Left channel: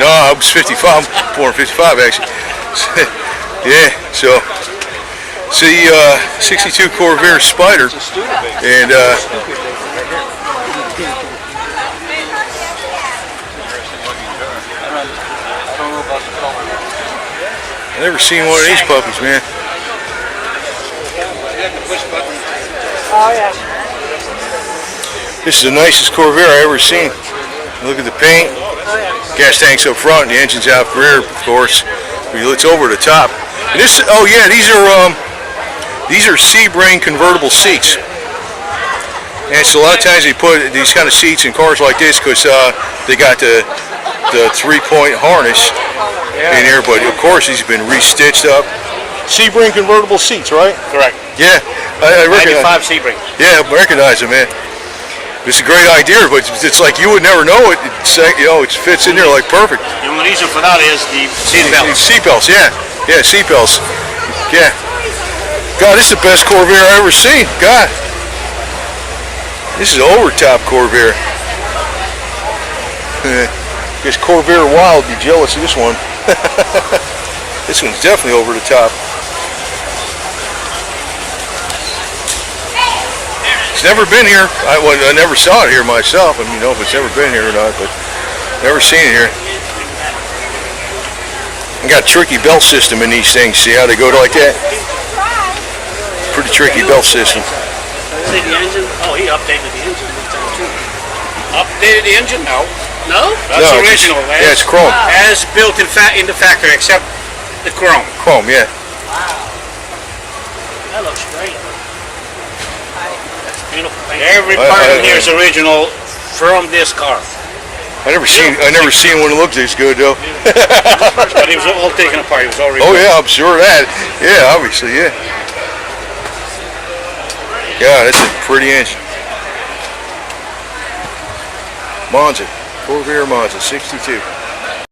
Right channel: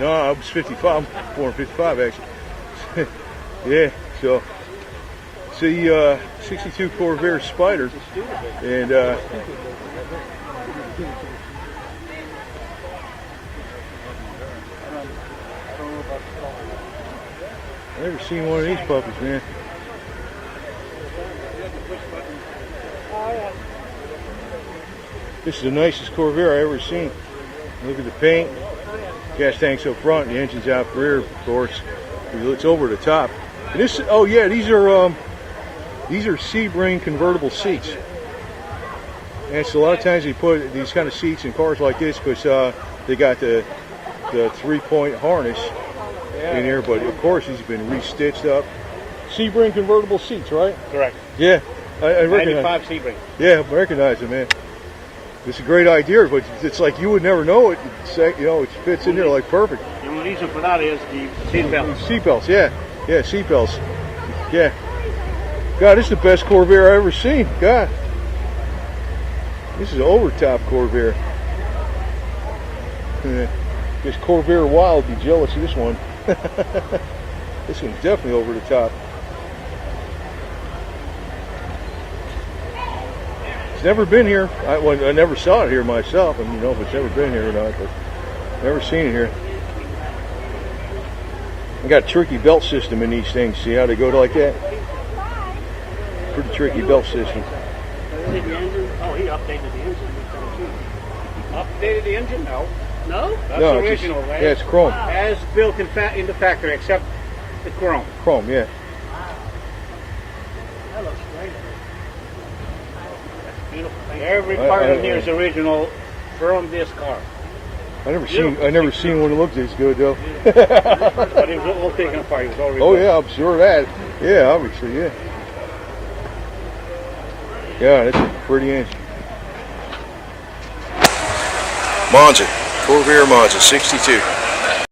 No, I was 55. I'm born in 55 actually. Yeah, so see, 62 Corvair Spider, and I've never seen one of these puppies, man. Oh yeah. This is the nicest Corvair I ever seen. Look at the paint. Gas tank's up front, and the engine's out rear, of course. It's over the top. And this, oh yeah, these are Sebring convertible seats. And so a lot of times they put these kind of seats in cars like this because they got the 3-point harness in here. But of course, these have been restitched up. Sebring convertible seats, right? Correct. Yeah, I recognize. 95 Sebring. Yeah, I recognize it, man. It's a great idea, but it's like you would never know it. It fits in there like perfect. The only reason for that is the seat belts. Seat belts, yeah, seat belts, yeah. God, this is the best Corvair I ever seen. God, this is an over-top Corvair. Guess Corvair Wild would be jealous of this one. This one's definitely over the top. It's never been here. I never saw it here myself. I mean, know if it's ever been here or not, but never seen it here. I got a tricky belt system in these things. See how they go like that? Pretty tricky belt system. See the engine? Oh, he updated the engine this time too. Updated the engine? No. No? That's original. Yeah, it's chrome. As built in the factory, except the chrome. Chrome, yeah. Wow. That looks great. Beautiful paint. Every part in here is original from this car. I never seen one that looked this good though. But it was all taken apart. It was all rebuilt. Oh yeah, I'm sure of that. Yeah, obviously, yeah. Yeah, that's a pretty engine. Monza, Corvair Monza, 62.